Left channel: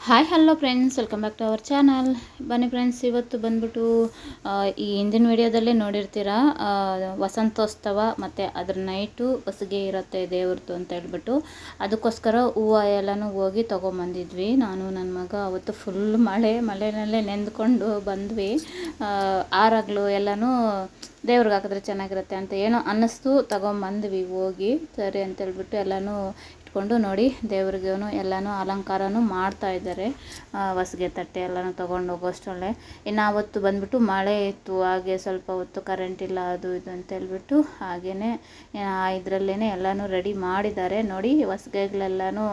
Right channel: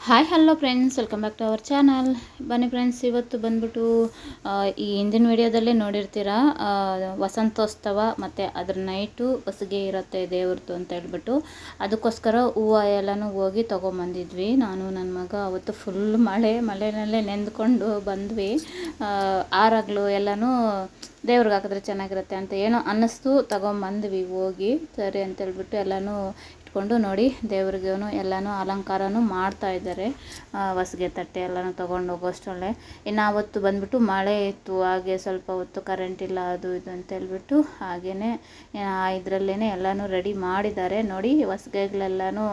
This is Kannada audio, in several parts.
Hi hello friends, welcome back to our channel. ಬನ್ನಿ ಫ್ರೆಂಡ್ಸ್, ಇವತ್ತು ಬಂದ್ಬಿಟ್ಟು ಈ ಹಿಂದಿನ ವಿಡಿಯೋದಲ್ಲೇ ನೋಡಿರ್ತೀರ, ವಸಂತೋತ್ಸವ ಮತ್ತು ಅದ್ರ ನೈಟು ಹೊಸಿಗೆ ಇರುತ್ತೆ ದೇವ್ರದ್ದು ಅಂತ ಹೇಳ್ಬಿಟ್ಟು, ಅದಕ್ಕೋಸ್ಕರ ಹೂವು ಎಲ್ಲನೂ ಹೋಗಿ ತೊಗೊಂಬಂದಿದ್ವಿ. ನಾನು ನನ್ನ ಮಗ ಅವತ್ತು ಫುಲ್ ಮಳೆನಲ್ಲೇ ನೆಂದ್ಕೊಂಡು ಬಂದ್ವಿ. ಹಾರಗಳು ಎಲ್ಲನೂ ದೇವ್ರಿಗೆ ಹಾಕಿದ್ರೆ ಚೆನ್ನಾಗಿರುತ್ತೆ ಅಂತ ಏನೋ ಅನ್ನಿಸ್ತು, ತೊಗೊಂಬಂದ್ವಿ ಹೋಗಿ. ಸರಿ ಅಂತೇಳ್ಬಿಟ್ಟು ಎಲ್ಲನೂ ಇಟ್ಕೊಂಡು ನೋಡಿ, ದೇವ್ರಿಗೂ ಎಲ್ಲನೂ ಅಲಂಕಾರನೂ ಮಾಡ್ತಾ ಇದ್ದಾರೆ. ಹೊಸ್ಗೆ ತಟ್ಟೆ ಎಲ್ಲನೂ ತೊಗೊಂಡು ಹೋಗೋಷ್ಟರಲ್ಲೇ ಇನ್ನು ಆವತ್ತು ಬಂದ್ಬಿಟ್ಟು ಮಳೆ ಇತ್ತು, ಹಾಗೆ ಸ್ವಲ್ಪ ಹೊತ್ತು ಕರೆಂಟ್ ಇಲ್ಲ, ಅದು ಇದು ಅಂತ ಹೇಳ್ಬಿಟ್ಟು ಹಾಗೆಯೇ ಇದರಲ್ಲೇ ಎಲ್ಲನೂ ರೆಡಿ ಮಾಡಿದ್ದಾರೆ. ನೋಡಿ, ಹೊಸ್ಗೆಗಳೆಲ್ಲನೂ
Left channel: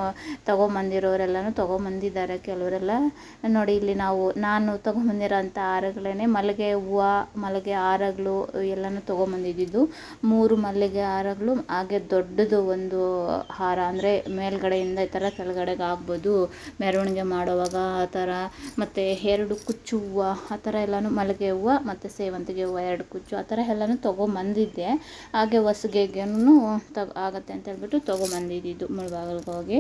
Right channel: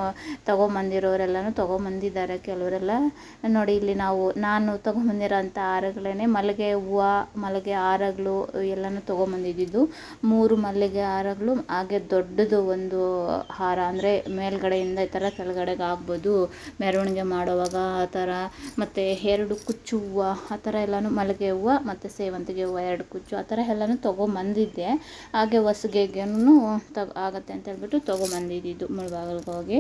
ತೊಗೊಂಬಂದಿರೋರೆಲ್ಲನೂ ತೊಗೊಂಬಂದಿದ್ದಾರೆ. ಕೆಲವರೆಲ್ಲ ನೋಡಿ, ಇಲ್ಲಿ ನಾನು ತೊಗೊಂಬಂದಿರೋ ಅಂಥ ಹಾರಗಳೇ ಮಲ್ಲಿಗೆ ಹೂವು, ಮಲ್ಲಿಗೆ ಹಾರಗಳು ಎಲ್ಲನೂ ತೊಗೊಂಬಂದಿದ್ದು. 3 ಮಲ್ಲಿಗೆ ಹಾರಗಳು, ಹಾಗೆ ದೊಡ್ಡದು ಒಂದು ಹಾರ, ಅಂದರೆ ಮೇಲ್ಗಡೆಯಿಂದ ಈ ಥರ ಕೆಳಗಡೆಗೆ ಆಗ್ಬೋದು ಮೆರವಣಿಗೆ ಮಾಡುವಾಗ ಆ ಥರ, ಮತ್ತು 2 ಕುಚ್ಚು ಹೂವು ಆ ಥರ ಎಲ್ಲನೂ, ಮಲ್ಲಿಗೆ ಹೂವು ಮತ್ತು ಸೇವಂತಿಗೆ ಹೂವು 2 ಕುಚ್ಚು ಆ ಥರ ಎಲ್ಲನೂ ತೊಗೊಂಬಂದಿದ್ದೆ. ಹಾಗೆ ಹೊಸ್ಗೆಗೂ ಆಗುತ್ತೆ ಅಂತ ಹೇಳ್ಬಿಟ್ಟು ತೊಗೊಂಬಂದಿದ್ದು ಮುಳ್ಬಾಗಿಲಿಗೆ ಹೋಗಿ.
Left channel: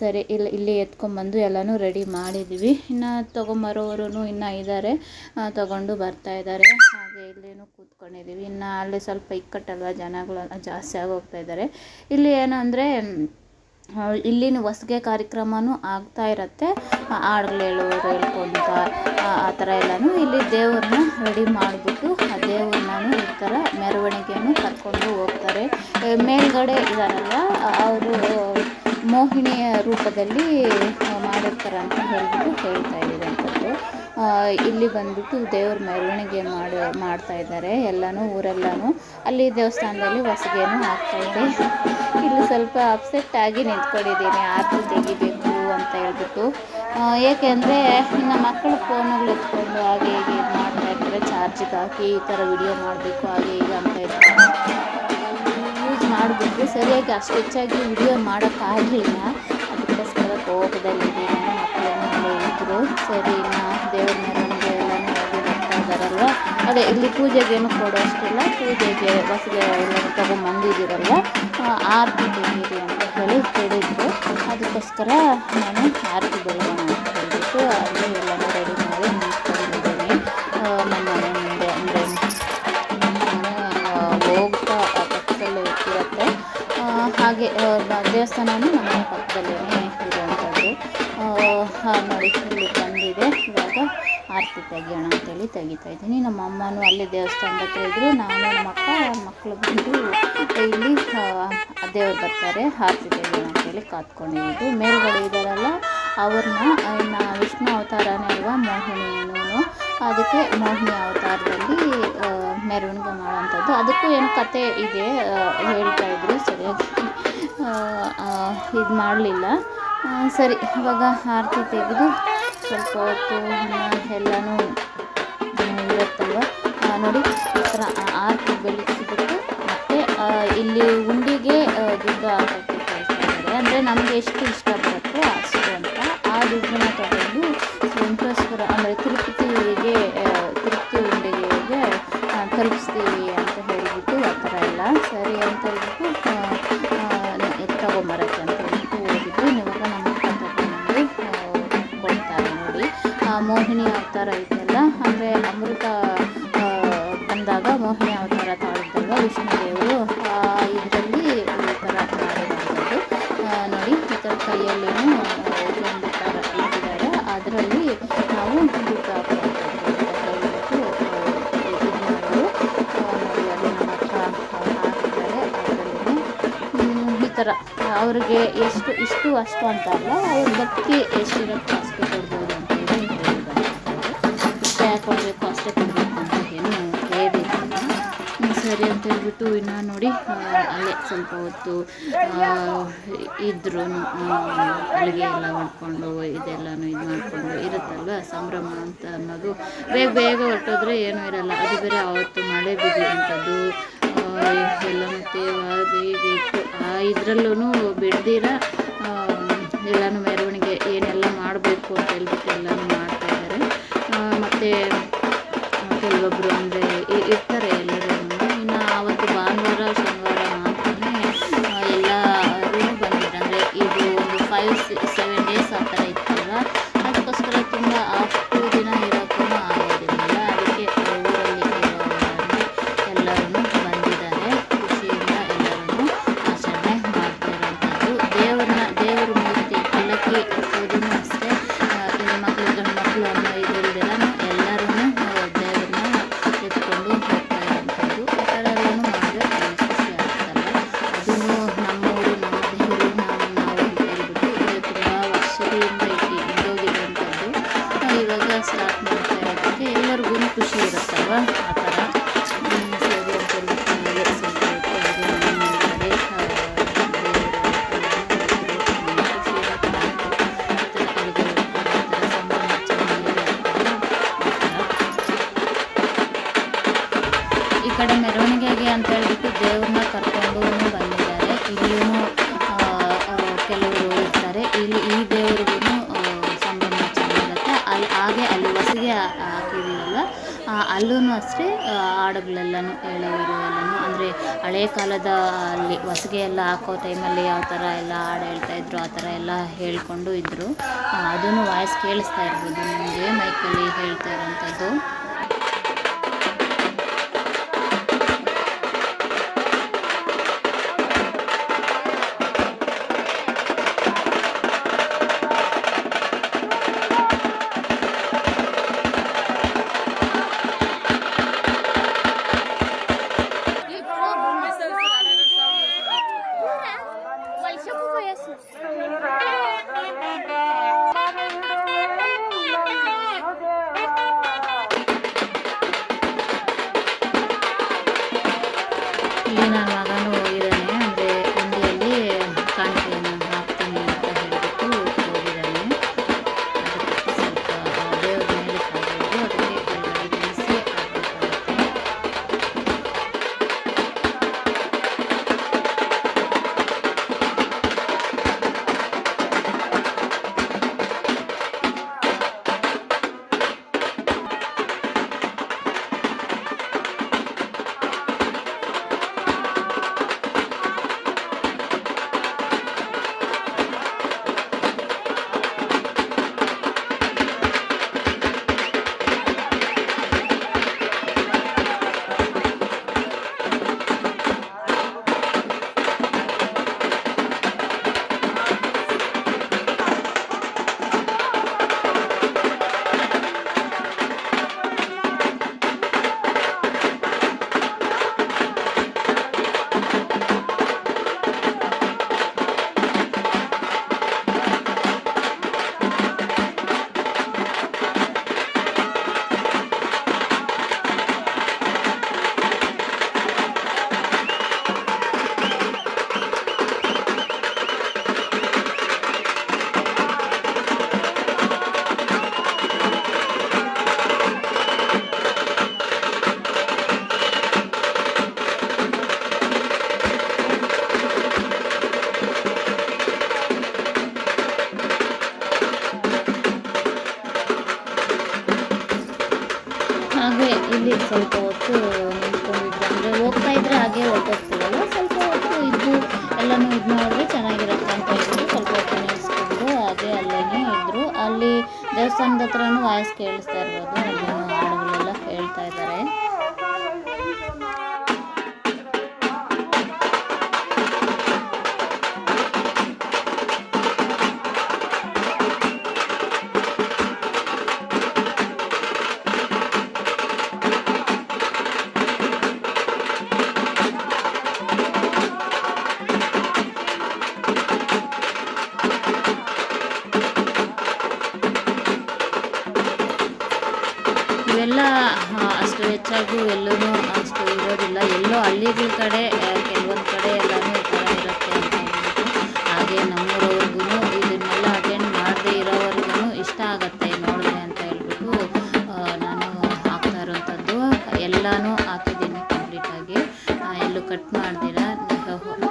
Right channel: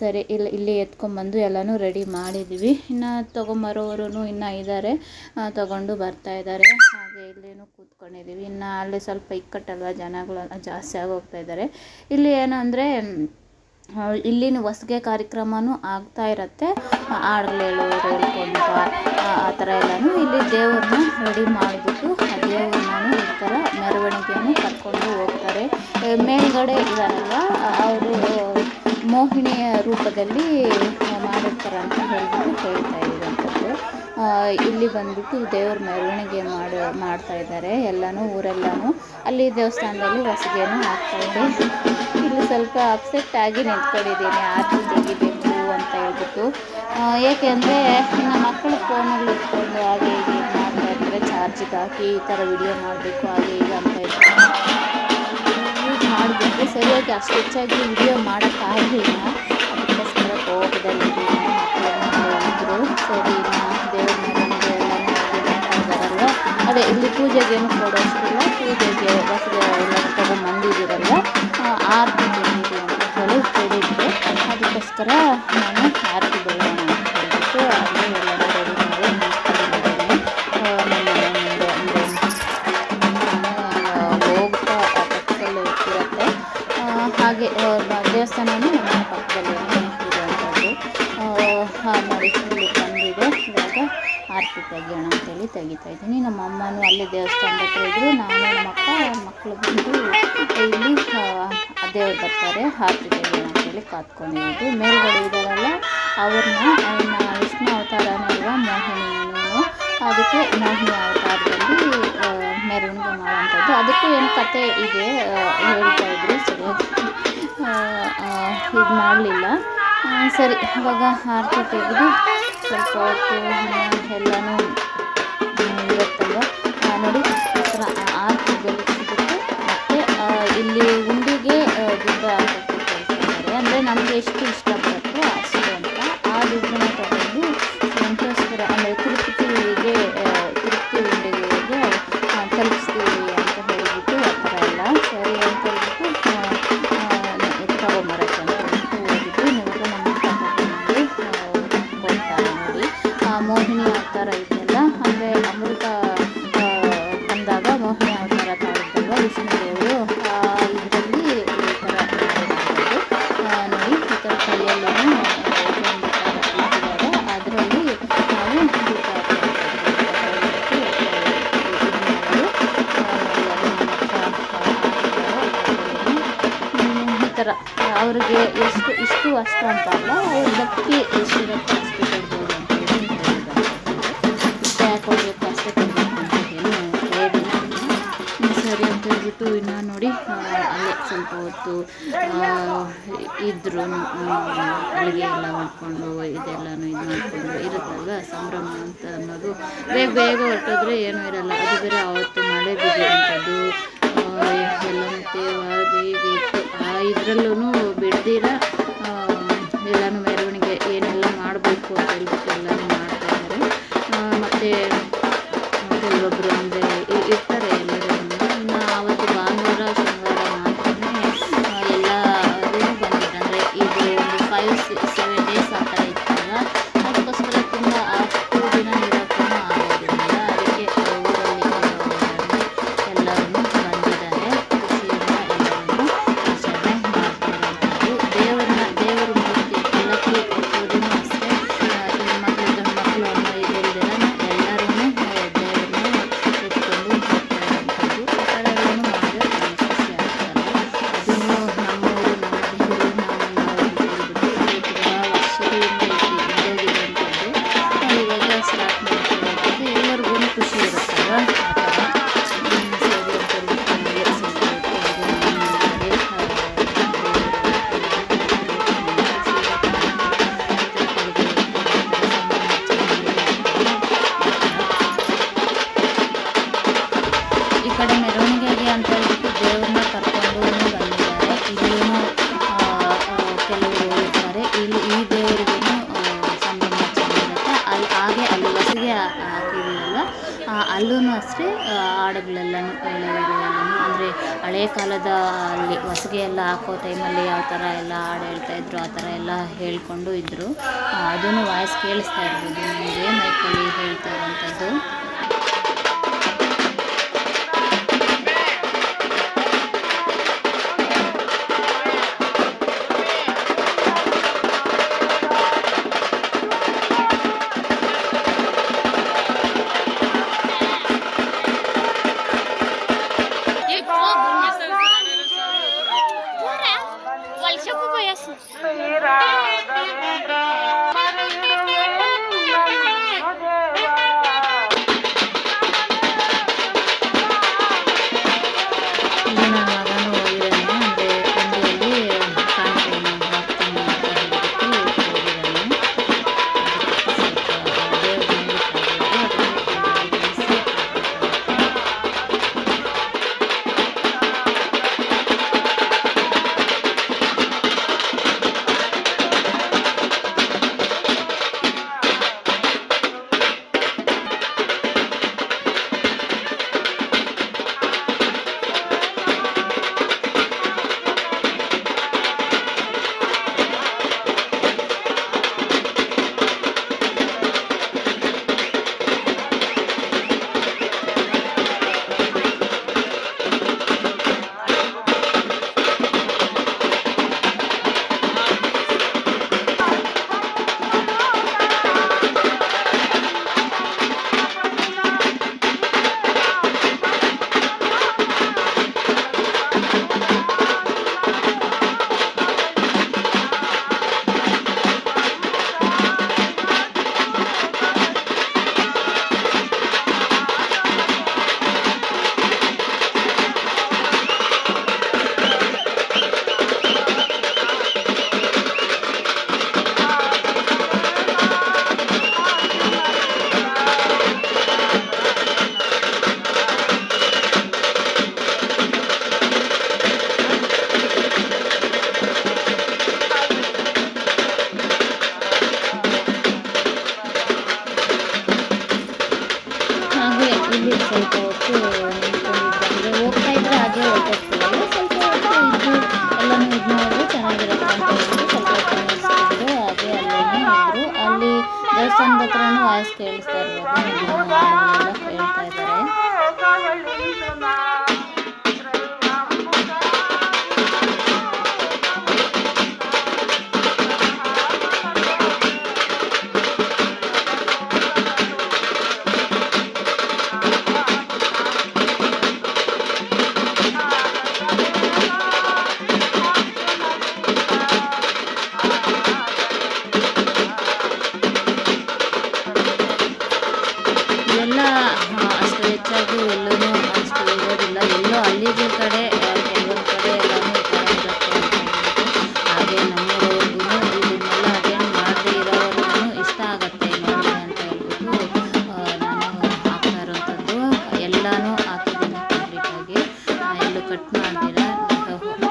ಸರಿ, ಇಲ್ಲಿ ಎತ್ಕೊಂಡ್ಬಂದು ಎಲ್ಲನೂ ರೆಡಿ ಮಾಡಿದ್ದೀವಿ. ಇನ್ನು ತೊಗೊಂಬರೋರು ಇನ್ನೂ ಇದ್ದಾರೆ, ತೊಗೊಂಡು ಬರ್ತಾ ಇದ್ದಾರೆ. ಹಾಗೆ ಇಲ್ಲೇನು ಕೂತ್ಕೊಂಡಿದ್ದೀವಿ. ಇನ್ನು ಅಲ್ಲಿ ಸ್ವಲ್ಪ ಇಕ್ಕಟ್ಟಲ್ವ, ಜನಗಳೆಲ್ಲ ಜಾಸ್ತಿ ಆಗೋಗ್ತಾ ಇದ್ದಾರೆ. ಇಲ್ಲಿ ಏನಂದರೆ ಇಲ್ಲಿನ ಹೊಸ್ಗೆ ಕಾರ್ಯಕ್ರಮನೂ ಆಗ್ತಾ ಇರುತ್ತೆ. ಹಾಡುಗಳು ಹೇಳೋರು ಹೇಳ್ಕೊತ ಆ ಥರ ಎಲ್ಲನೂ ಇಲ್ಲಿ ದೇವ್ರನ್ನ ರೆಡಿ ಮಾಡಿಬಿಟ್ಟು ಆ ದೇವ್ರನ್ನ ಈ ಥರ ಮೆರವಣಿಗೆಯನ್ನು ಕರ್ಕೊಂಡು ಹೋಗ್ತಾರೆ. ಮೇಲ್ಗಡೆ ಇದ್ದಾರಲ್ವ, ಅವರು ಮೋಹಿನಿಯ ರೂಪದಲ್ಲಿ ಮಾಡಿರ್ತಾರೆ ಅಂತ ಹೇಳ್ಬಿಟ್ಟು ಹೇಳ್ತಾ ಇರೋಂಥದ್ದು. ಇಲ್ಲಿ ಬಂದ್ಬಿಟ್ಟು ದೇವ್ರ ಮೆರವಣಿಗೆ ಮಾಡ್ತಾ ಇದ್ದಾರೆ ಎಲ್ಲನೂ, ಊರೆಲ್ಲನೂ. ಅಲ್ಲಿ ದೇವಸ್ಥಾನದಲ್ಲಿ ಹೊಸ್ಗೆನೂ ಆಗ್ತಾಯಿದೆ. ಇಲ್ಲಿ ಸ್ವಲ್ಪ ಅಪ್ಸೆಟ್ ಆಗಿ ನಿಂತ್ಕೊಂಡಿದ್ದೀನಿ, ಆರತಿ ತೆಗಿಬೇಕು ಅಂತ ಹೇಳ್ಬಿಟ್ಟು. ಏಕೆಂದರೆ ಇನ್ನು ಮಕ್ಕಳು ಫೋನುಗಳು ಎತ್ಕೊಂಡು ಹಾಗೆ ಹೀಗೆ ಇದು ಮಾಡ್ತಾ ಇರ್ತಾರೆ, ಚಾರ್ಜಿಗೆ ಹಾಕಿ ಈ ಥರ ವಿಡಿಯೋ ಮಾಡಬೇಕು ಹಾಗೆ ಹೀಗೆ ಅಂತ ಇರ್ತಾರೆ. ಯೂಸ್ ಮಾಡಿಬಿಟ್ರೆ ಸರಿಯಾಗಿ ಅಷ್ಟು ಹೆಚ್ಚಾಗಿ ವಿಡಿಯೋ ಮಾಡೋಕ್ಕಾಗಲಿಲ್ಲ. ಅದಕ್ಕೋಸ್ಕರ ಕೋಪದಲ್ಲಿದ್ದೀನಿ. ಮಕ್ಕಳೇನೋ ಇದ್ದರು. ಸರಿ, ಇನ್ನು ದೇವ್ರ ಮೆರವಣಿಗೆ ಎಲ್ಲನೂ ಹೋಗಿ ಬರ್ತಾ ಇದ್ದಾರಲ್ವ, ಅದೇ ಇಲ್ಲಿ ಪೂಜೆಗೇನು ಕೊಡೋಷ್ಟಿಲ್ಲ, ಪೂಜೆಗೆ ಹೊಸ್ಗೆ ಎಲ್ಲನೂ ತೊಗೊಂಬಂದಿದ್ದೀರಲ್ವ, ಆರತಿ ತೆಗೀರಿ ಅಂತ ಹೇಳಿದ್ರು. ಅದಕ್ಕೋಸ್ಕರ ನಾನು ಆರತಿ ಬೆಳಗೋಣ ಅಂತ ಹೇಳ್ಬಿಟ್ಟು ಅಲ್ಲಿ ಎಲ್ಲನೂ ರೆಡಿ ಮಾಡಿ ನಿಂತ್ಕೊಂಡಿದ್ದೀನಿ ನಮ್ಮ ಮನೆ ಮುಂದೆ. ಅಂದರೆ ನಮ್ಮ ಮನೆ ಹೋಗ್ತಾ ಪಕ್ಕದಲ್ಲೇ ಇರುತ್ತೆ. ಹಾಗೆ ದೇವಸ್ಥಾನವೂ ನಮ್ಮ ಮನೆ ಪಕ್ಕದಲ್ಲೇ ಇರುವಂಥದ್ದು. ನೋಡಿ, ಇಲ್ಲಿ ಬಂದಿದೆ. ಇವಾಗ ಆರತಿ ತೆಗಿಯೋಣ ಅಂತೇಳಿ ತೆಗಿತಾ ಇದ್ದೀನಿ. ನಮ್ಮ ಅಮ್ಮನೂ ಅಲ್ಲಿ ದೇವಸ್ಥಾನದ ಹತ್ರ ಇದ್ದರು. ನಾನು ನಮ್ಮ ಮಕ್ಕಳು ಬಂದು ಇಲ್ಲಿ ದೇವ್ರು ಬರ್ತಾರೆ, ಆರತಿ ತೆಗಿಯೋಣ ಅಂತೇಳಿ ಕಾತ್ಕೊಂಡಿದ್ದು. ಮೇಲ್ಗಡೆ ಇದ್ದಾರಲ್ಲ ಅವ್ರನ್ನ, ಇನ್ನು ವಿಷ್ಣು ಅವತಾರನೇ ಅಲ್ವಾ ಮೋಹಿನಿನೂ, ಅದಕ್ಕೆ ಮೋಹಿನಿ ಅವತಾರದಲ್ಲಿ ಮೆರವಣಿಗೆ ಮಾಡೋವಂಥದ್ದು. ಅದಕ್ಕೂ ಏನು ಕತೆ ಇದೆ ಹೇಳ್ತಾಯಿದ್ರು, ಸರಿಯಾಗಿ ಇದು ಮಾಡಲಿಲ್ಲ. ಸರಿ, ಇವಾಗ ಆರತಿ ತೆಗೆದು ಸ್ವಲ್ಪ ಹೊತ್ತು ಎಲ್ಲನೂ ಇರುತ್ತಲ್ವ, ನೋಡಿ ಈ ಥರ ಆರತಿ ಬೆಳಗಿಸ್ಬಿಟ್ಟು ಮತ್ತೆ ಇಲ್ಲಿ ಉಂಡಿಗೆ ದುಡ್ಡು ಹಾಕೋಕ್ಕೆ ಕಳಿಸ್ತಾರೆ. ಅಂದರೆ ನಮಗೆ ಎಷ್ಟು ಇಷ್ಟ ಬರುತ್ತೋ ಅಷ್ಟು ಅಂತ ಆ ದುಡ್ಡನ್ನ ತೊಗೊಂಡು ವೆಂಕಟೇಶ್ವರ, ಅಂದರೆ ತಿರುಪತಿ ಉಂಡಿಗೆಗೆ ತಲುಪಿಸ್ತೀವಿ ಅಂತ ಹೇಳಿಬಿಟ್ಟು ಆ ಥರ ಎಲ್ಲ ಸರಿ ಅಂತ ಹೇಳ್ಬಿಟ್ಟು ತೊಗೊಂಬರಕ್ಕೆ ಅಂತ ಹೇಳ್ಬಿಟ್ಟು ಹೋಗಿದ್ದು. ಇವಾಗ ನಮ್ಮ ತೊಗೊಂಡು ಕೊಡ್ತಾರೆ. ನೋಡಿ, ಮೋಹಿನಿ ಅವತಾರ ಇದೆಯಲ್ಲ, ಅಂದರೆ ಅಮೃತ ಬಂದಾಗ ಮೋಹಿನಿ ಅವತಾರ ತಾಳಿದ್ದಲ್ವ ವಿಷ್ಣುದೇವರು, ಇದರಲ್ಲಿ ಈ ಥರ ಮಾಡಿರೋದು. ನೋಡಿ, ಈ ಥರ ಕೈಯಲ್ಲೇನು ಒಂದು ಥರ ಇಟ್ಟಿದ್ದಾರೆ, ಅದರಲ್ಲಿ ನಾವು ಊಟ ಹಾಕೋದು ಹೇಳ್ಬಿಟ್ಟು ಇದು ಮಾಡೋದು. ನೋಡಿ, ಅದು ನಮ್ಮ ಅಕ್ಕ ಹಾಕಿದ್ದಾರೆ. ಅದರಲ್ಲಿ ಈ ಥರ ಅವ್ರಿಗೆ ಇಷ್ಟು ಅಷ್ಟು ಅಂತ ಅಲ್ಲ, ಅವ್ರ ಭಕ್ತಿ ಎಷ್ಟಿರುತ್ತೆ ಅಷ್ಟು ಕೊಡ್ಬೋದು ಅಂತೇಳಿ ಹೇಳಿದ್ದಾರೆ. ಇಷ್ಟೇ ಕೊಡಬೇಕು ಅಷ್ಟೇ ಕೊಡಬೇಕು ಅಂತ ಏನು ಹೇಳಿಲ್ಲ. ಸರಿ ಅಂತ ಹೇಳ್ಬಿಟ್ಟು ಇನ್ನು ನೋಡಿ, ಅಲ್ಲೇ ಸ್ವಲ್ಪ ಹೊತ್ತು ಇದ್ರೂ ಅಡುಗೆ ಎಲ್ಲ ಮಾಡ್ಕೊಂಡು ಇದೆಲ್ಲನೂ ಇದು ಮಾಡಿಕೊಂಡು ಇರುತ್ತಲ್ವ, ಸಂಭ್ರಮ ಅಂತ ಅನ್ನೋದು. ಬೇಗ ಹೊರಟೋದ್ರೆ ಏನೂ ಇರಲ್ಲ. ಅದು ಬೇರೆ ಆವತ್ತು ಮಳೆ ಬಿದ್ದಿರೋಂಥದ್ದು ಎಲ್ಲನೂ ತೇವಾಗಿ ಹೀಗೆ ಇತ್ತು. ಇದರಲ್ಲೂ ಬಿಡ್ದಿರ ಎಲ್ಲನೂ ಮೆರವಣಿಗೆ ಏನೆಲ್ಲ ಮಾಡಬೇಕು ಅಂತ ಹೇಳ್ಬಿಟ್ಟು ಎಲ್ಲನೂ ಮಾಡ್ತಾಯಿದ್ದಾರೆ. ಮತ್ತು ಕೆಲವೊಬ್ಬರು ಅಂದರೆ ಇರ್ತಾರೆ ಎಲ್ಲರೂ. ಇನ್ನು ಆವತ್ತು ಭಾನುವಾರ ಶನಿವಾರ ಮಾತ್ರನೇ ಎಲ್ಲರೂ ಬಂದಿದ್ರು. ಅಂದರೆ ಇದು ಒಂದು 5-7 ಡೇಸ್ ಆ ಥರ ಇತ್ತಲ್ವ, ಅದಕ್ಕೋಸ್ಕರ ತುಂಬ ಅಷ್ಟು ದಿನ ಇರೋಕ್ಕೂ ಆಗೋದಿಲ್ಲ. ಅದಕ್ಕೆ ಊರಲ್ಲಿ ಎಲ್ಲರೂ ಬಂದಿದ್ದಾರೆ. ಖುಷಿಯಿಂದ ಎಲ್ಲರೂ ಆಚರಣೆ ಮಾಡ್ತಾ ಇರೋವಂಥದ್ದು. ದೇವರ ಮೂರ್ತಿ ಪಲ್ಲಕ್ಕಿ ಎತ್ತೋದೂ ಅಷ್ಟೇ, ಹೆಣ್ಮಕ್ಳು ಗಂಡು ಮಕ್ಕಳು ಅನ್ನೋ ಇದಿಲ್ದಿರನು ಎಲ್ಲರೂ ದೇವ್ರನ್ನ ಎತ್ಕೊಂಡು ಹೋಗ್ತಾ ಇರೋವಂಥದ್ದು. ಆ ಥರ ಎಲ್ಲನೂ ಮಾಡಿದ್ರೆ ತುಂಬ ಖುಷಿ ಆಗ್ತಲ್ಲ. ಅದನ್ನು ನಮ್ಮೂರು ನಮ್ಮ ದೇವರು ನಾವು ಅಂತ ಹೇಳ್ಬಿಟ್ಟು ತುಂಬ ವರ್ಷಗಳಿಂದ ಇದ್ದೋಗಿರೋವಂಥದ್ದು ಇವಾಗ ಸ್ಟಾರ್ಟ್ ಮಾಡ್ತಾ ಇರೋದಕ್ಕೆ ಎಲ್ಲರಿಗೂ ಖುಷಿ ಇರುತ್ತಲ್ವ. ಆ ಥರ ಸರಿ ಅಂತ ಹೇಳ್ಬಿಟ್ಟು ಸ್ವಲ್ಪ ಹೊತ್ತು ಹಾಗೆ ಮುಂದೆ ಈ ಕಡೆ ಮೆರವಣಿಗೆಗೆ ಅಂತ ಹೇಳ್ಬಿಟ್ಟು ದೇವ್ರನ್ನ ಕರ್ಕೊಂಡು ಬಂದಿದ್ದಾರೆ. ಇಲ್ಲಿಯೂ ಕೆಲವರು ಇರ್ತಾರೆ. ಈ ದೇವರಿಗೂ ಸಂಭ್ರಮ ಚೆನ್ನಾಗಿರುತ್ತೆ. ಅಲ್ಲಿ ಹೊಸಿಗೆ ಹಾಕಿದ್ದೀವಲ್ವ, ಅಲ್ಲೂ ಅಷ್ಟೇ ಹಾಡುಗಳೆಲ್ಲನೂ ಹೇಳೋರು ಎಲ್ಲನೂ ಅಂದರೆ ಹಳೆ ಕಾಲದ ಅಲ್ಲಿ ಹೊಸಿಗೆ ಎಲ್ಲ ಹಾಕೋ ಟೈಮಲ್ಲಿ ಯಾವ ಥರ ಎಲ್ಲ ಹಾಡು ಹೇಳ್ತಾಯಿದ್ರು ಆ ಥರ ಎಲ್ಲ ಹೇಳ್ಕೊಂಡು ಇದ್ದರು. ಅದೂ ವಾಯ್ಸ್ ಕೇಳಿಸ್ತಾ ಇರ್ಬೋದು ನಿಮಗೆ ಮೈಕಲ್ಲಿ ಹೇಳ್ತಾ ಇರೋವಂಥದ್ದು. ಇಲ್ಲಿ ನನ್ನ ಮಗನೂ ಹೋಗಿದ್ದಾನೆ, ಅಂದರೆ ಹುಂಡಿಯಲ್ಲಿ ಕಾಣಿಕೆಯನ್ನು ಹಾಕ್ತೀನಿ ಅಂತ ಹೇಳ್ಬಿಟ್ಟು ಹೋಗಿದ್ದಾನೆ. ಅದಕ್ಕೆ ಸ್ವಲ್ಪ ದೇವ್ರ ಮೇಲೆ ಕಾಗೋದು, ಅದಕ್ಕೆ ಕೆಳಗಡೆ ಇಳಿಸಿ ಹಾಕಬೇಕಾಗುತ್ತೆ. ಹಾಗೆ ಇಲ್ಲಿ ಸ್ವಲ್ಪ ಹೊತ್ತು ನಿಂತ್ಕೊಂಡಿದ್ರು, ಅಂದರೆ ಹೋಗ್ತಾ ಇದ್ರೆ ಹಾಗೆ ಹೊರಟೋಗ್ತೀವಲ್ಲ, ಸ್ವಲ್ಪ ಹೊತ್ತು ಇದ್ದು ಎಲ್ಲನೂ ಇದು ಮಾಡಿದ್ರೆ ಚೆನ್ನಾಗಿರುತ್ತೆ ಅಂತ ಹೇಳ್ಬಿಟ್ಟು ಸ್ವಲ್ಪ ಹೊತ್ತು ನಿಲ್ಲಿಸ್ಕೊಂಡು ಹಾಗೆ ಅಲ್ಲೇ ಇದ್ದರು. ಅಲ್ಲಿ ದೇವಸ್ಥಾನದ ಹತ್ರನೂ ವಾಯ್ಸ್ ಕೇಳಿಸ್ತಾ ಇರ್ಬೋದು, ಹಾಡುಗಳೆಲ್ಲ ಹೇಳ್ತಾ ಇದ್ದಾರೆ. ಇವೆಲ್ಲ ಅಷ್ಟು ಹೆಚ್ಚಾಗಿ ಎಲ್ಲೂ ಅಷ್ಟು ಇರೋದಿಲ್ಲ. ಎಲ್ಲೋ ಹಳ್ಳಿಗಳ ಕಡೆ ಕೆಲವೊಂದು ಕಡೆ ಎಲ್ಲನೂ ಈ ಥರ ಇರುತ್ತೆ ಅಂತ ಹೇಳ್ಬಿಟ್ಟು, ಹಾಗೆ ನಮ್ಮೂರವ್ರಿಗೂ ಇದನ್ನೆಲ್ಲ ಅಟೆಂಡ್ ಮಾಡದೇ ಇರೋವರೆಗೂ ಇಷ್ಟ ಆಗುತ್ತೆ ನೋಡಿದೆ ಅಂತ ಹೇಳ್ಬಿಟ್ಟು ನಾನು ಹಾಕ್ತಾ ಇರೋವಂಥದ್ದು ಎಲ್ಲನೂ ಹಾಕಿದ್ದೀನಿ ಕಂಪ್ಲೀಟಾಗಿ, ಎಲ್ಲೂ ಕಟ್ ಮಾಡ್ದಿರ.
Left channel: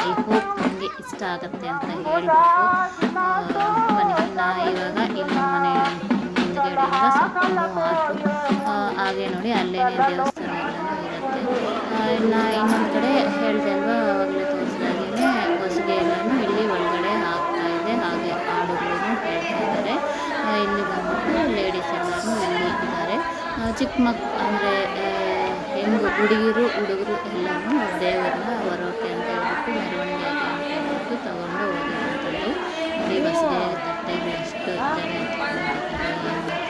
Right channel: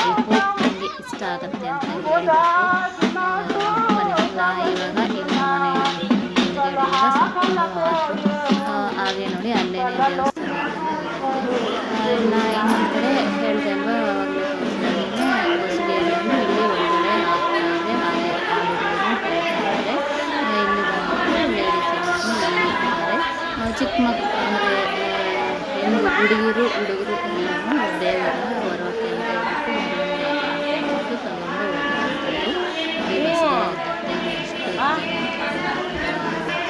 ಐ ಹೋಪ್ ನನಗೆ ಇಷ್ಟ ಆಗುತ್ತೆ ಅಂತ ಹೇಳ್ಬಿಟ್ಟು ಬನ್ನಿ. ಇವಾಗ ಇಲ್ಲಿ ನಮ್ಮ ಮನೆ ಮುಂದ್ಗಡೆಯಿಂದ ಸ್ವಲ್ಪ ಮೂವ್ ಆದರೂ ಹಾಗೆ ನೋಡಿ ಅಲ್ಲೇನೇ ದೇವಸ್ಥಾನ ಎಲ್ಲನೂ ಇರುತ್ತೆ. ಇನ್ನೊಂದು ಕಡೆ ಹೇಳಿದೆ ಅಲ್ವಾ, ಆವಾಗಲೇ ತೋರಿಸಿದಾಗೇ ಹೊಸಿಗೆ ಎಲ್ಲನೂ ಇಲ್ಲಿ ಒಳಗಡೆ ಆಗ್ತಾ ಇದೆ. ಹಾಗೆ ಹಾಡುಗಳು ಹೇಳ್ತಾ ಇದ್ದಾರೆ. ಇಲ್ಲಿ ಬಂದ್ಬಿಟ್ಟು ಲೇಡೀಸ್ ಎಲ್ಲನೂ ಇಲ್ಲಿ ಇದ್ದಾರೆ. ಚಿಕ್ಕ ಅಂದರೆ ಹುಡುಗಿರು ಹುಡುಗರು ಎಲ್ಲನೂ ದೇವರನ್ನ ಹೊರೋಕೆ ಅಂತ ಹೇಳ್ಬಿಟ್ಟು ಮೆರವಣಿಗೆ ಅಂತ ಹೇಳ್ಬಿಟ್ಟು ತಗೊಂಡು ಹೋಗಿರುವಂಥದ್ದು. ನೋಡಿ ಬಸ್ಗೆ ತಟ್ಟೆಗಳು ಎಷ್ಟು ಜನ ಅಂತ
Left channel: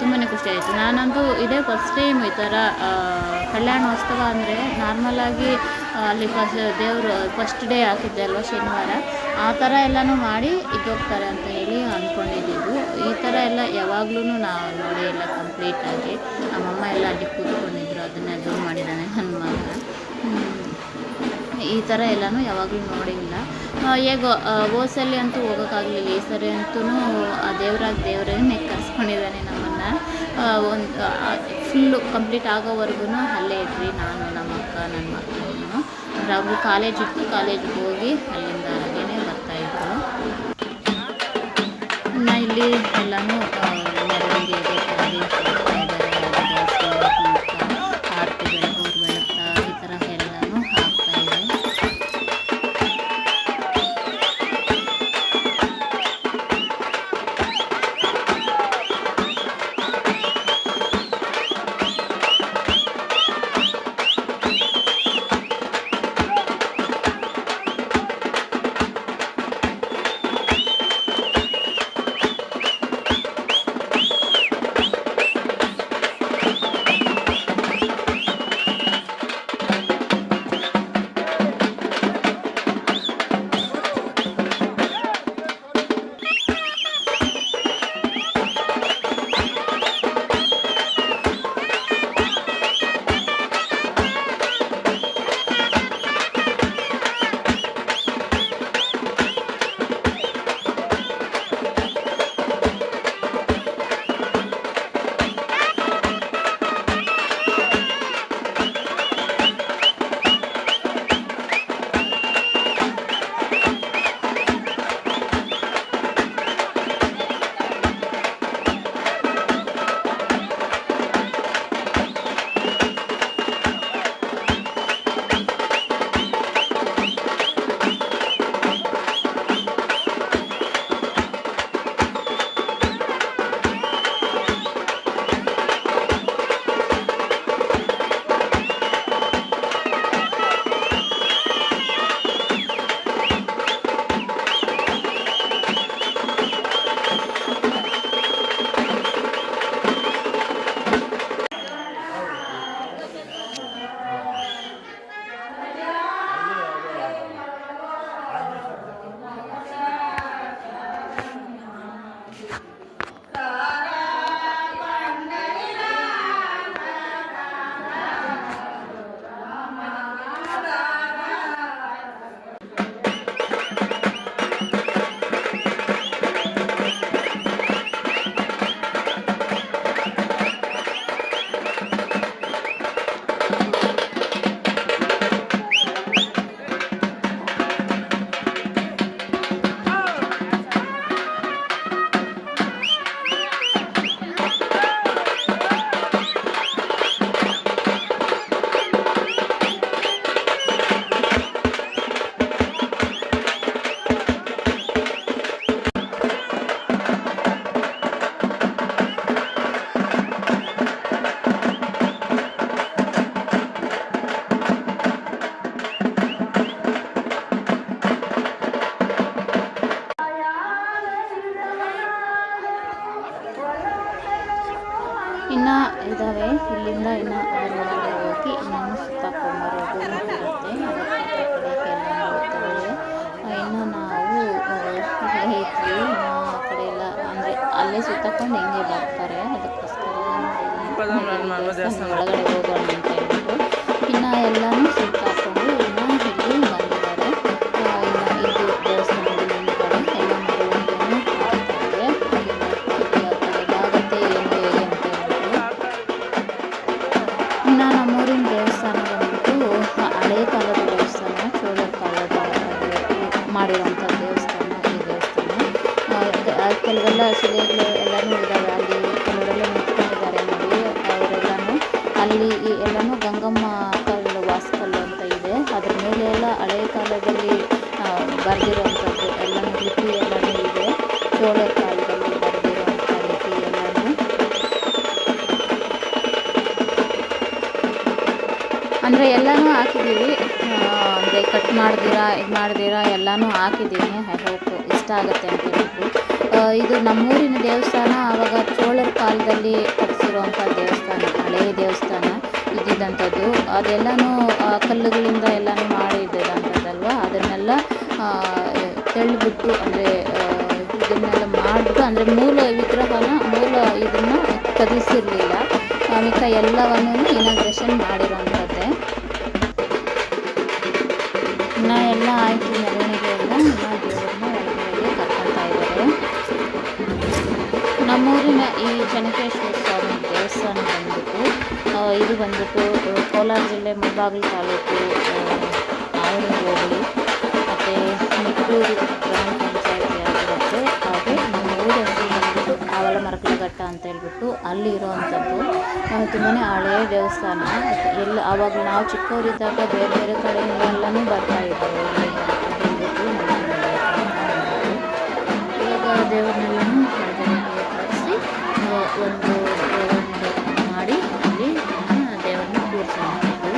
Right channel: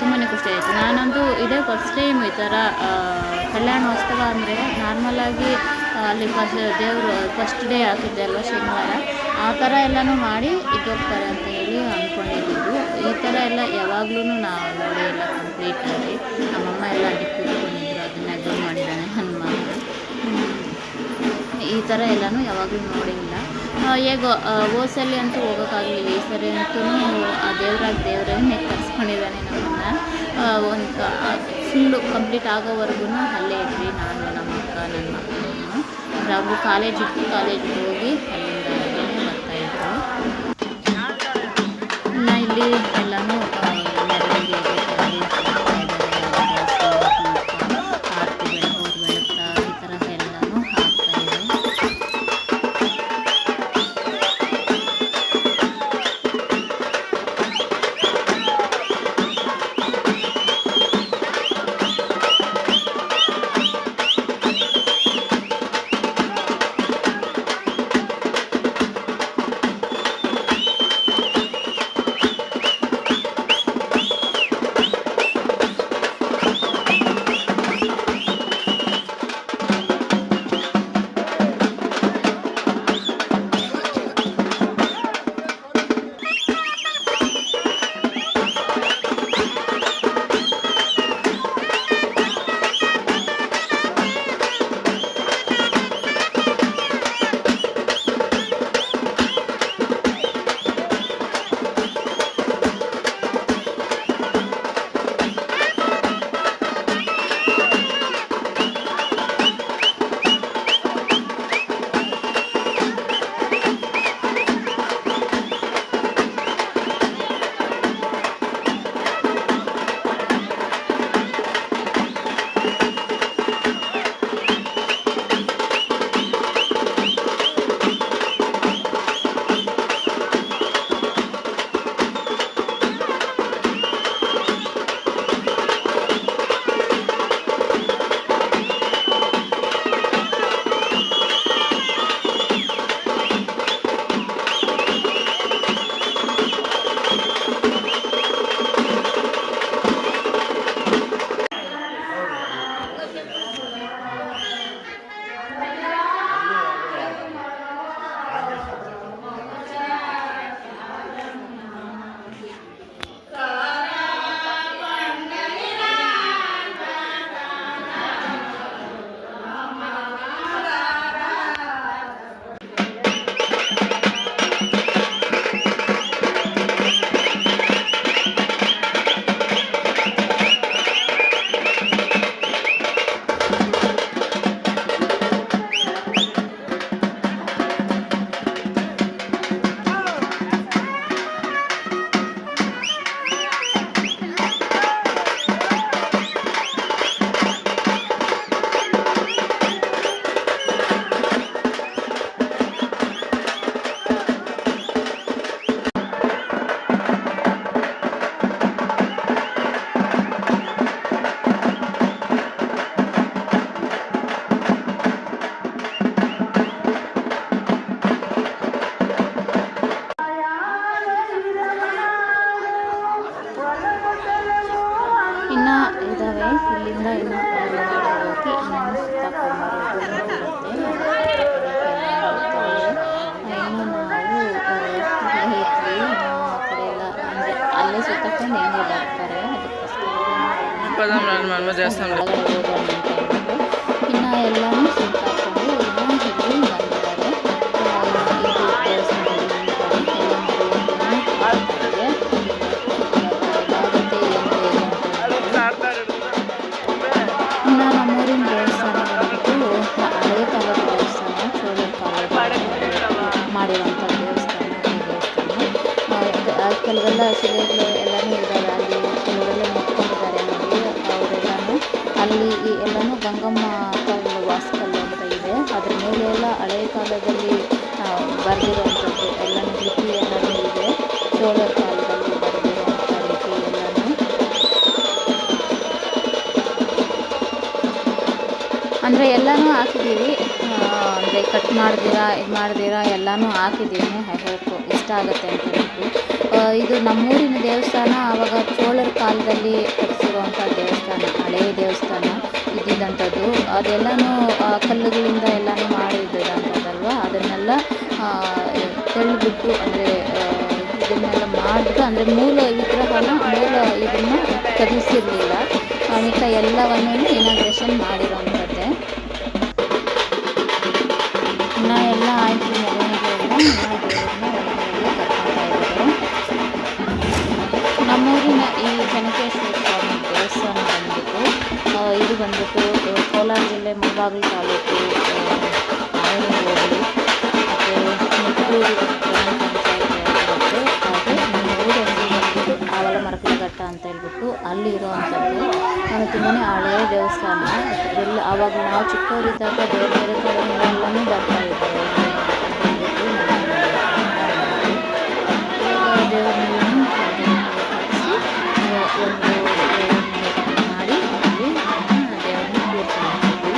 ತುಂಬಾ ಖುಷಿ ಆಯಿತು. ನಾನಂತೂ ಇದೇ ಫಸ್ಟ್ ಟೈಮ್ ಈ ಥರ ಕಲ್ಯಾಣೋತ್ಸವ ಅಂದರೆ ನಾರ್ಮಲಾಗಿ ಅಲ್ಲಿ ದೇವರು ಫಸ್ಟ್ ಡೇ ಹಾಕಿದ್ದೆ ಅಲ್ವ ಶನಿವಾರ, ಆ ಥರ ಎಲ್ಲನೂ ಮಾಡಿ ಇದ್ದೋಗ್ತಾರೆ ಅಂತ ಹೇಳಿ ಅಂದ್ಕೊಂಡಿದ್ದು. ಈ ಥರ ಎಲ್ಲ ಯಾವಾಗ್ಲೂ ನಾವು ನೋಡಿ ಎಲ್ಲ ಕಂಪ್ಲೀಟಾಗಿ ನಮ್ಮಮ್ಮ ಎಲ್ಲ ಅಲ್ಲಿ ಕೂತ್ಕೊಂಡಿದ್ರು. ಅದನ್ನು ಝೂಮ್ ಮಾಡಿದ್ದಾನೆ ನನ್ನ ಮಗ. ಈ ಥರ ಎಲ್ಲನೂ ಯಾವಾಗಲೂ ನೋಡಿಲ್ಲ. ಹೇಗೋ ಓಸಲ್ಲಿ ಅಂತೂ ಹೋಗೋಕ್ಕಾಗಲಿಲ್ಲ. ಈ ಸರಿ ಅಂತೂ ಆ ದೇವರನ್ನೇ ಕರ್ಸ್ಕೊಂಡಿದ್ದಾನೆ ನಮ್ಮನ್ನು. ಒಂದು ಫುಲ್ಲು ಕಂಪ್ಲೀಟ್ ಆಗೋವರೆಗೂ ಅಲ್ಲೇ ಇದ್ವಿ, ನಾನು ನಮ್ಮ ಅಕ್ಕ ನನ್ನ ಮಕ್ಕಳು. ಅಂದರೆ ಅವ್ರಿಗೂ ಕಾಲೇಜ್ ಇತ್ತು, ಕಾಲೇಜಿಗೆ ಹೋಗಿ ಅಲ್ಲಿಂದ ಅಲ್ಲಿಗೆ ಬರ್ತಾಯಿದ್ರು. ಇನ್ನು ಇಲ್ಲಿ ಎಲ್ಲನೂ ಮೆರವಣಿಗೆಗೆ ಆರತಿ ಬೆಳಗೋರು ಬೆಳಗ್ತಾ ಈ ಥರ ಎಲ್ಲನೂ ಆಗ್ತಾಯಿದೆ. ಇನ್ನು ಇದ್ದಾವೆ. ಇಲ್ಲಿಂದ ಇನ್ನು ಒಳಗಡೆ ಹೋಗಿ ಇನ್ನೊಂದು ಸುತ್ತಾಕೊಂಬರೋದು ಇರುತ್ತೆ. ಇನ್ನು ನಾವು ಇಲ್ಲೇ ಇದ್ವಿ. ಆ ಕಡೆ ಎಲ್ಲ ಅಂದರೆ ಅಲ್ಲೇ ಸುತ್ತಕೊಂಡು ಹಿಂಗೆ ಬರ್ತಾರೆ. ಅದಕ್ಕೋಸ್ಕರ ಒಳಗಡೆ ಹೋಗೋಣ ಅಂತ ಹೇಳ್ಬಿಟ್ಟು ಇನ್ನು ಎಲ್ಲನೂ ಸುತ್ತಾಕೊಂಡು ಇನ್ನು ಇಲ್ಲಿ ಬಂದಿದ್ದಾರೆ. ಇನ್ನು ಇದು ದೇವಸ್ಥಾನ ಎಲ್ಲ ಆಗುತ್ತೆ ಏನು ಹೇಗೆ ಅಂತ ಹೇಳ್ಬಿಟ್ಟು. ಇನ್ನು ನಮ್ಮೂರಿನ ದೇವಸ್ಥಾನ ಬಂದ್ಬಿಟ್ಟು ಹಳೆಯ ಕಾಲದ ದೇವಸ್ಥಾನ, ಚೋಳರ ಕಾಲದ ಮಾಡಿರೋಂಥ ದೇವಸ್ಥಾನ. ಈ ದೇವಸ್ಥಾನ ಕೆಲವೆಲ್ಲ ಶಿಲೆಗಳು ಎಲ್ಲನೂ ಇದ್ದಾವೆ. ಅಲ್ಲಿ ಕೆಲವರೆಲ್ಲ ನಿಂತ್ಕೊಂಡಿದ್ದಾರೆ ನೋಡಿ, ಅವರೆಲ್ಲ ಅಲ್ಲಿ ಎಲ್ಲನೂ ಗಂಗಮ್ಮ ಕಲ್ಲು ವಾಸ್ಕಲ್ಲು ಅಂತ ಇದೆ. ಅದ್ರ ಮೇಲೆ ಎಲ್ಲ ಹಳೆಯ ಕಾಲದಲ್ಲಿ ಬರೆದಿರುವಂಥದ್ದು ಎಲ್ಲನೂ ಲಿಪಿ ಎಲ್ಲನೂ ಇದೆ. ಚೋಳರ ಕಾಲದಲ್ಲಿ ಬರೆದಿರುವಂಥ ಲಿಪಿ ಎಲ್ಲನೂ. ಅಂದರೆ ಎಲ್ಲನೂ ಹಾಕಿದ್ದೀವಿ, ಅಂದರೆ ಕಟ್ ಮಾಡ್ದಿರಾ ಎಲ್ಲನೂ ಹಾಕಿದ್ದೀನಿ. ಐ ಹೋಪ್ ಇಷ್ಟ ಆಗುತ್ತೆ ಅಂತ ಹೇಳ್ಬಿಟ್ಟು. ಇದು ನಮ್ಮೂರಿನ ದೇವಸ್ಥಾನ ಆವಾಗ ಚೋಳರ ಕಾಲದಲ್ಲಿ ಕಟ್ಟಿಸಿರುವಂಥ ದೇವಸ್ಥಾನ, ಹಳೆಯ ದೇವಸ್ಥಾನ ಇದ್ದಿದ್ದಂಥದ್ದು. ಅದೆಲ್ಲನೂ ಕಲ್ಲುಗಳಿಂದ ಎಲ್ಲನೂ ಮಾಡಿದ್ದಂಥದ್ದಲ್ವ, ಅದನ್ನೆಲ್ಲ ತೆಳ್ಳಿಬಿಟ್ಟು ಅಂದರೆ ಇದನ್ನೆಲ್ಲ ಮಾಡಿಬಿಟ್ಟು, ಅಂದರೆ ಮೂಲ ವಿಗ್ರಹನ ಇದನ್ನು ಕದಲಿಸಿರಲಿಲ್ಲ. ಮಿಕ್ಕ ಎಲ್ಲವನ್ನೂ ಇನಾಗ್ರೇಷನ್ ಮಾಡಿರೋಂಥದ್ದೇ. ಇನ್ನು ಎಲ್ಲ ಆಯಿತು, ಮೆರವಣಿಗೆ ಎಲ್ಲ ದೇವ್ರನ್ನ ಒಳಗಡೆಗೆ ಕರ್ಕೊತಾ ಇದ್ದಾರೆ. ನಮ್ಮೂರಿನ ಈ ಚೆನ್ನಕೇಶ್ವರ ಸ್ವಾಮಿ ದೇವಸ್ಥಾನ ಬಂದ್ಬಿಟ್ಟು ಇದು ಬಂದ್ಬಿಟ್ಟು ಕೋಲಾರ ಜಿಲ್ಲೆ ಮುಳಬಾಗಿಲು ತಾಲೂಕು, ಆವೂರು ಹೋಬಳಿ ಮತ್ತು ನಿಟ್ಟೂರು ಗ್ರಾಮ ಪಂಚಾಯತಿ ಆಗಿರುತ್ತೆ. ಹಾಗೆ ನಮ್ಮ ಊರ ಹೆಸರು ಬಂದ್ಬಿಟ್ಟು ಆವಲಮರಕಲಘಟ್ಟ ಅಂತ ಹೇಳ್ಬಿಟ್ಟು ಅಲ್ಲಿ ಇರೋವಂಥದ್ದು. ತುಂಬಾ ಹಳೆಯ ದೇವಸ್ಥಾನ. ಆವಾಗ ನಾವು ಚಿಕ್ಕವರಿದ್ದಾಗ ಬೇರೆ ಬೇರೆ ಕಡೆಯಿಂದ ಎಲ್ಲನೂ ಬರ್ತಾಯಿದ್ದಾರೆ ಅಂತ ಹೇಳ್ಬಿಟ್ಟು ಇವಾಗ ದೇವ್ರನ್ನೆಲ್ಲನೂ ಕಳಿಸಿ ಒಂದು ಮಾಡಿ ಅಲ್ಲಿ ದೇವ್ರನ್ನ ಕೂರಿಸುವಂಥದ್ದು.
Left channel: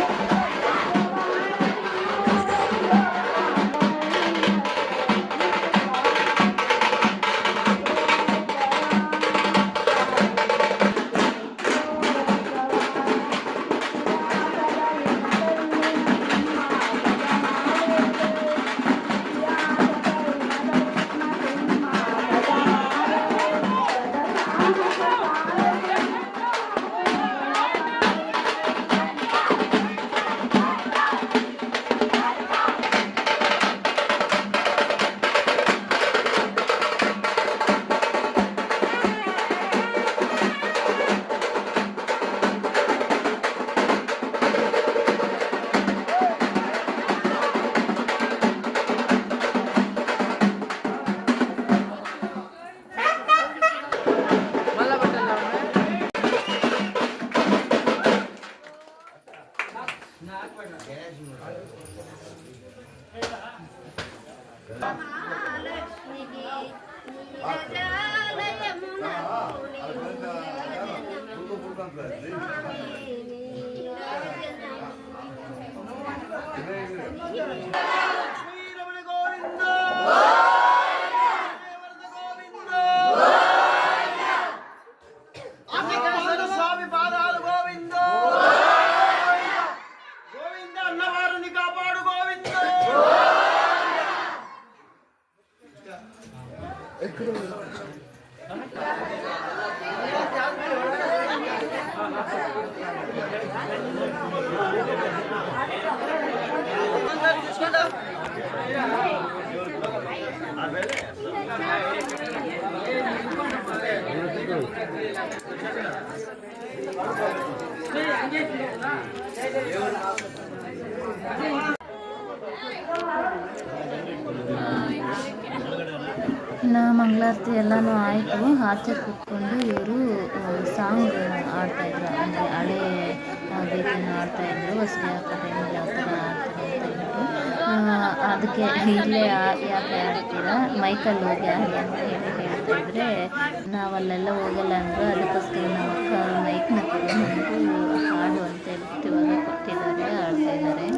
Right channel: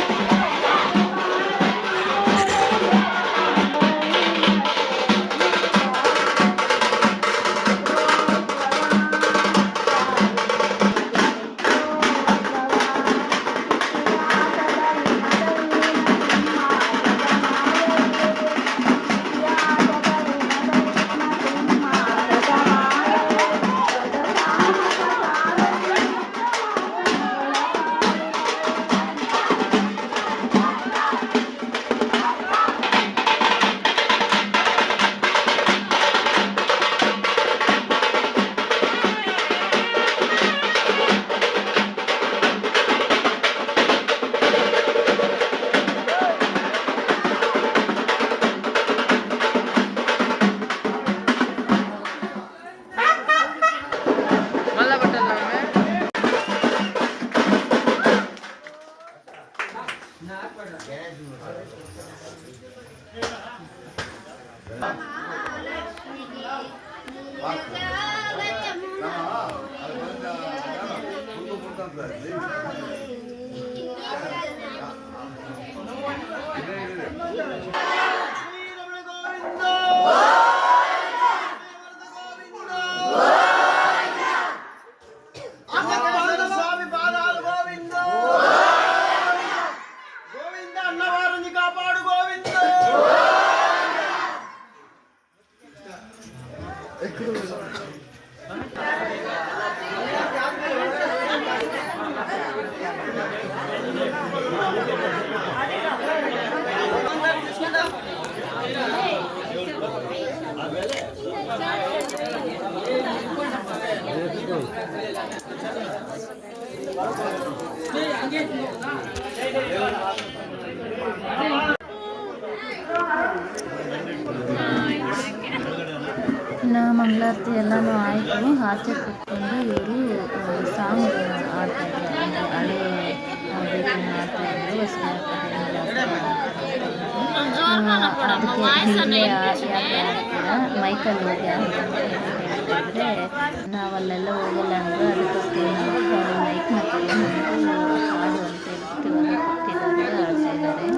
ಇನ್ನು ಮಂಗಳಾರತಿ ಎಲ್ಲನೂ ಆಯಿತು. ಆಚೆ ಕೂತ್ಕೊಂಡು ಇವರು ಸಾಂಗ್ ಆಡ್ತಾಯಿದ್ರು, ಅಂದರೆ ಹಳೆ ಗೀತೆನ ಆಡ್ತಾಯಿದ್ರು. ಹೊಸಬಿ ಹಾಕೋ ಟೈಮಲ್ಲಿ ಯಾವ ಥರ ಅದಕ್ಕೆ ಇಲ್ಲೇ ಯಾಕೆ ಆಡ್ತೀರಾ, ಮೈಕಲ್ಲಿ ಹೋಗಿ ಆಡಿ ಅಂತ ಹೇಳ್ತಾಯಿದ್ರೆ ನಾವಲ್ಲೆಲ್ಲ ಹೋಗಲ್ಲ ಅಂದರು. ಅದಕ್ಕೋಸ್ಕರ ನಮ್ಮ ಅಕ್ಕ ಮೈಕ್ನ ತಗೊಂಡು ಹಾಡು ಅಂತ ಹೇಳ್ಬಿಟ್ಟು ಇವಾಗ ಕೊಟ್ಟಿದ್ದಾರೆ, ಆಡ್ತಾಯಿದ್ದಾರೆ.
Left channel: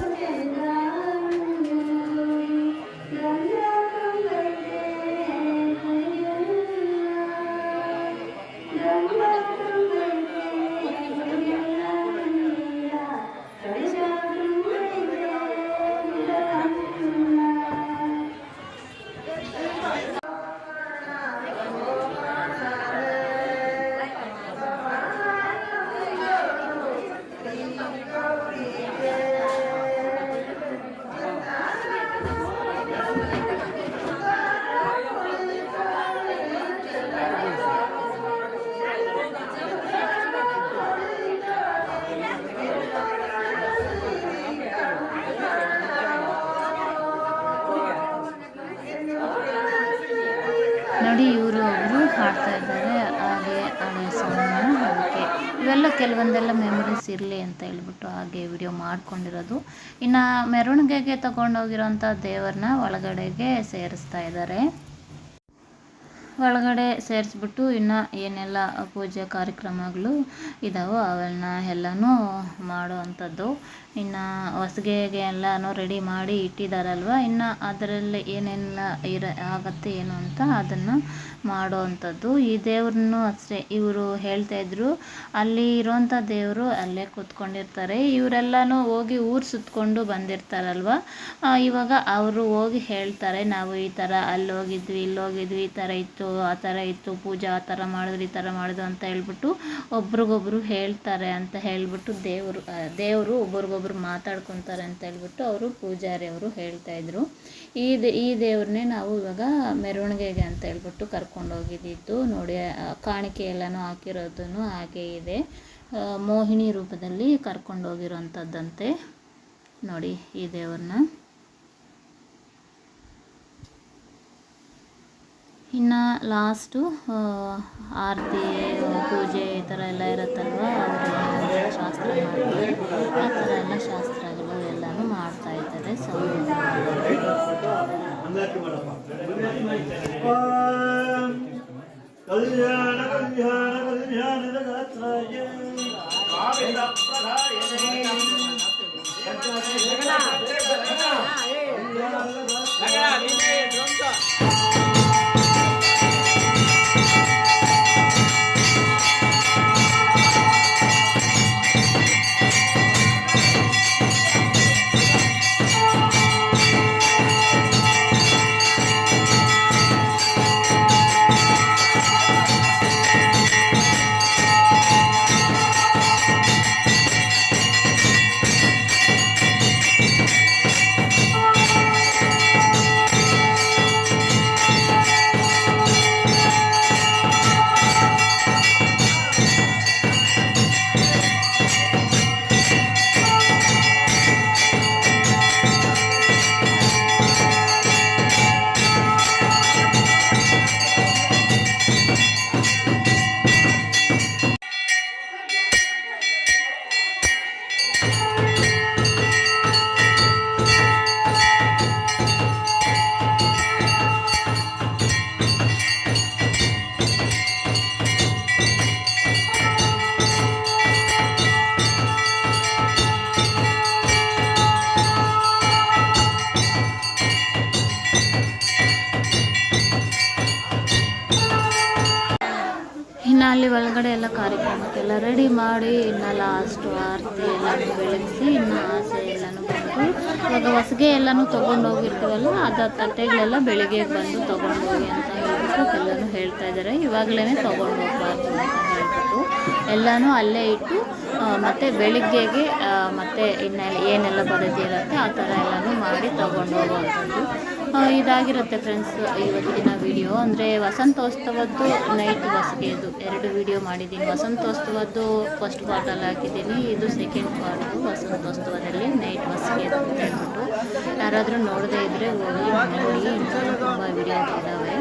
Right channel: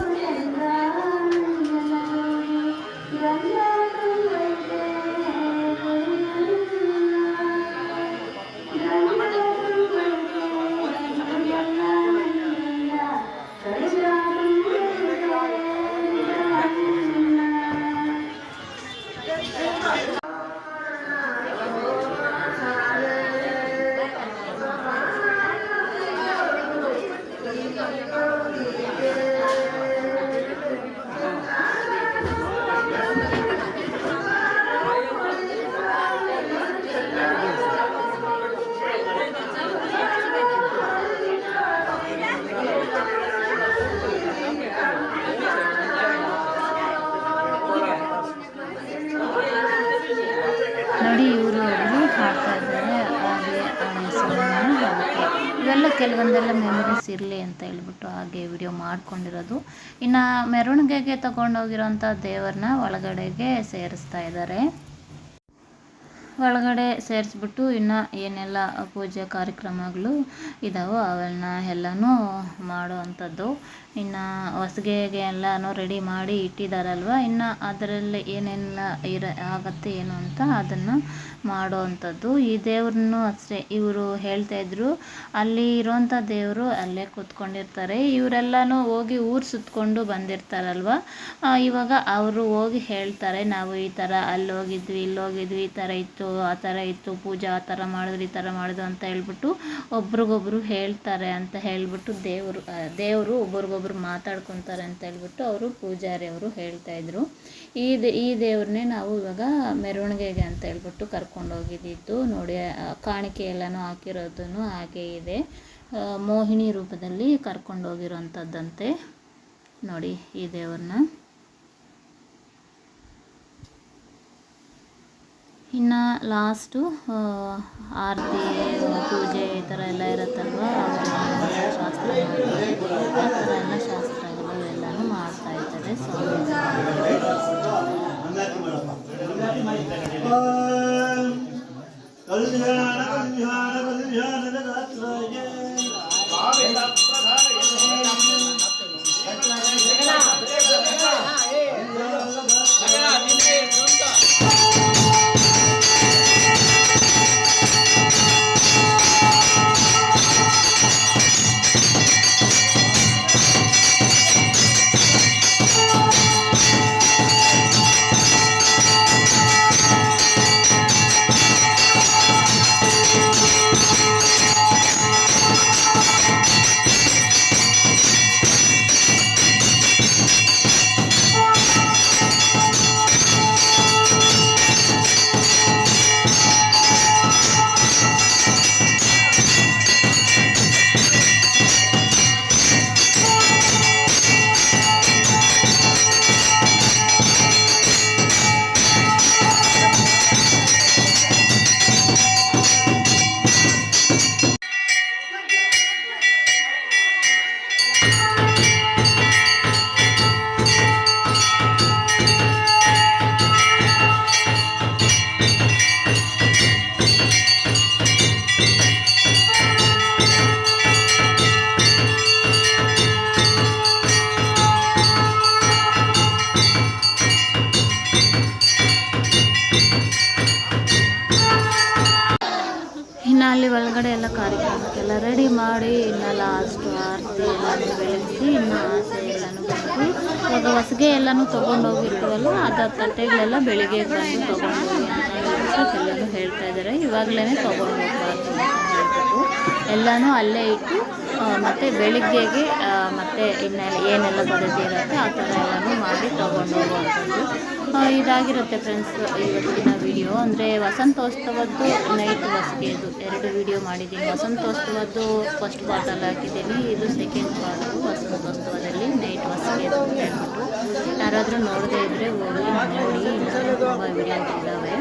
ಇವೆಲ್ಲ ಕೆಲವೊಂದೆಲ್ಲ ಮೆಮೊರೀಸ್ ಇರಲಿ ಅಂತ ಹೇಳ್ಬಿಟ್ಟು ಹಾಗೆ ವಿಡಿಯೋ ಮಾಡ್ಕೊಂಡಿರೋದು. ಇನ್ನು ಮೆರವಣಿಗೆಗೆ ತಗೊಂಡೋಗಿರೋಂಥ ದೇವರನ್ನ ಒಳಗಡೆಗೆ ಸೇರಿಸ್ತಾ ಇದ್ದಾರೆ. ಒಳಗಡೆ ಸೇರಿಸ್ಬಿಟ್ಟು ಇನ್ನು ಏನೆಲ್ಲ ಪೂಜೆ ಕಾರ್ಯಕ್ರಮಗಳು ಇದ್ದಾವೋ ಅವೆಲ್ಲ ಎಲ್ಲನೂ ಮಾಡೋ ಅಂಥದ್ದು. ಇನ್ನು ಹೊಸ್ಗೆಗೆ ಎಲ್ಲನೂ ರೆಡಿ ಮಾಡಿ ಇಟ್ಟಿದ್ದಾರಲ್ವ, ಇನ್ನು ಅದರಲ್ಲಿ ಏನೆಲ್ಲ ಆಗತ್ತೆ ಏನು ಅಂತ ಅದನ್ನು ಮಾಡೋ ಅಂಥದ್ದು. ಈ ದೇವ್ರನ್ನೂ ಅಷ್ಟೇ ಇವರು ಹೇಳ್ತಾಯಿದ್ರು, ಅಲ್ಲಿ ಇರೋಂಥ ದೇವರು ಅಲ್ಲೇ ಕೂತ್ಕೊಂಡಿರ್ತಾರೆ. ಇವರೆಲ್ಲನೂ ಹೋಗಿ ಊರು ಸುತ್ತಕೊಂಡು ಬಂದಿರ್ತಾರಲ್ವ, ಇವಾಗ ಅವರು ಹೋಗಿ ಹೇಳ್ತಾರೆ, ನಾವು ಈ ಥರ ಅಲ್ಲಿ ಹೋಗಿದ್ವಿ ಇಲ್ಲಿ ಹೋಗಿದ್ವಿ, ಈ ಥರ ಇತ್ತು ಆ ಥರ ಇತ್ತು, ಪೂಜೆ ಆ ಥರ ಮಾಡಿದ್ರು ಈ ಥರ ಮಾಡಿದ್ರು ಅಂತ ಹೇಳ್ಬಿಟ್ಟು ಒಬ್ರಿಗೊಬ್ರು ಹೇಳ್ತಾರೆ ಅಂತ ಹೇಳ್ಬಿಟ್ಟು ದೇವರು ಒಬ್ರಿಗೊಬ್ರು ಮಾತಾಡ್ಕೊತಾರೆ ಅಂತ ಹೇಳ್ಬಿಟ್ಟು ಅವರು ಪೂಜಾರಿ ಅವರು ಹೇಳ್ತಾಯಿದ್ರು. ಈ ದೇವ್ರನ್ನೇ ನಾವು ಇವಾಗ ಮೆರವಣಿಗೆಗೆ ಅಂತ ಹೇಳ್ಬಿಟ್ಟು ಕರ್ಕೊಂಡೋಗಿದ್ದು ನೋಡಿ. ಕಾಣಿಕೆ ಎಲ್ಲನೂ ಹಾಕಿರೋದನ್ನು ಹಾಗೆ ಇದೆ, ಮೋಹಿನಿ ರೂಪದಲ್ಲಿ ಕರ್ಕೊಂಡೋಗಿರೋಂಥದ್ದಂತೆ ನೋಡಿ ಈ ದೇವ್ರನ್ನ. ಇನ್ನು ಲಾಸ್ಟು ಆರತಿ ಪೂಜೆ ಈ ಥರ ಎಲ್ಲ ಇರುತ್ತಲ್ವ, ಅವರು ಶಾಸ್ತ್ರ ಮಾಡ್ತಾರೆ, ಆ ಥರ ಎಲ್ಲ ಶಾಸ್ತ್ರಗಳು ಎಲ್ಲನೂ ಮಾಡ್ತಾ ಇದ್ದಾರೆ ಸ್ವಾಮಿ. ಇನ್ನು ಅಲ್ಲಿ ಒಳಗಡೆ ಎಲ್ಲ ಕಾರ್ಯಕ್ರಮಕ್ಕೆಲ್ಲ ರೆಡಿ ಮಾಡಿ ಇನ್ನು ಲಾಸ್ಟು ಆರತಿ ಎಲ್ಲನೂ ಬೆಳಗಿಸಿ ಇನ್ನು ಆಸೆ ಎಲ್ಲನೂ ಬಂದು ಇವಾಗ ಹೊಸ್ಗೆ ಎಲ್ಲನೂ ತೊಗೊಂಡೋಗಿರ್ತೀವಲ್ಲ ಅದು ತಟ್ಟೆಗಳೆಲ್ಲ ಬೆಳಿಗ್ಗೆ ಬಂದು ತೊಗೊಂಡೋಗಿ ಅಂತ ಹೇಳ್ಬಿಟ್ಟು ಎಲ್ಲನೂ ಹೇಳ್ತಾ ಇದ್ದಾರೆ. ಇವಾಗಲೇ ತೊಗೊಂಡು ಹೋಗ್ಬಾರ್ದು ಅಂತ ಹೇಳ್ಬಿಟ್ಟು ಎಲ್ಲನೂ ಅಲ್ಲೇ ಇಟ್ಟು ಮತ್ತು ಬೆಳಿಗ್ಗೆಗೆ ಮತ್ತು ಇನ್ನೆಲ್ಲ ಏನೆಲ್ಲ ಪದ್ಧತಿ ಇರುತ್ತೆ ಆ ಥರ ಎಲ್ಲನೂ ಮಾಡಿ ತೊಗೊಂಡು ಹೋಗುವಂಥದ್ದು ಇದಾಗಿರುತ್ತೆ ಫ್ರೆಂಡ್ಸ್ ಇವತ್ತಿನ ವಿಡಿಯೋ. ಅಂದರೆ ವಸಂತೋತ್ಸವದ್ದು ನೈಟ್ ಹೊಸ್ಗೆದು 2 ವಿಡಿಯೋ ಮಾಡಿದ್ದೀನಿ. ವಸಂತೋತ್ಸವದ್ದು ಫಸ್ಟ್ ಪಾರ್ಟಲ್ಲಿ ಹಾಕಿದ್ದೀನಿ, ಇದು ಸೆಕೆಂಡ್ ಪಾರ್ಟು ವಸಂತೋತ್ಸವದಲ್ಲಿ ನೈಟ್ ಹೊಸ್ಗೆದು ಅಂತ ಹೇಳ್ಬಿಟ್ಟು. ಯಾರಾದರೂ ನೋಡದೇ ಇದ್ದರೆ ಹೋಗಿ ನೋಡಿ, ಇನ್ನೂ ತುಂಬ ವಿಡಿಯೋ ಇದ್ದಾವೆ.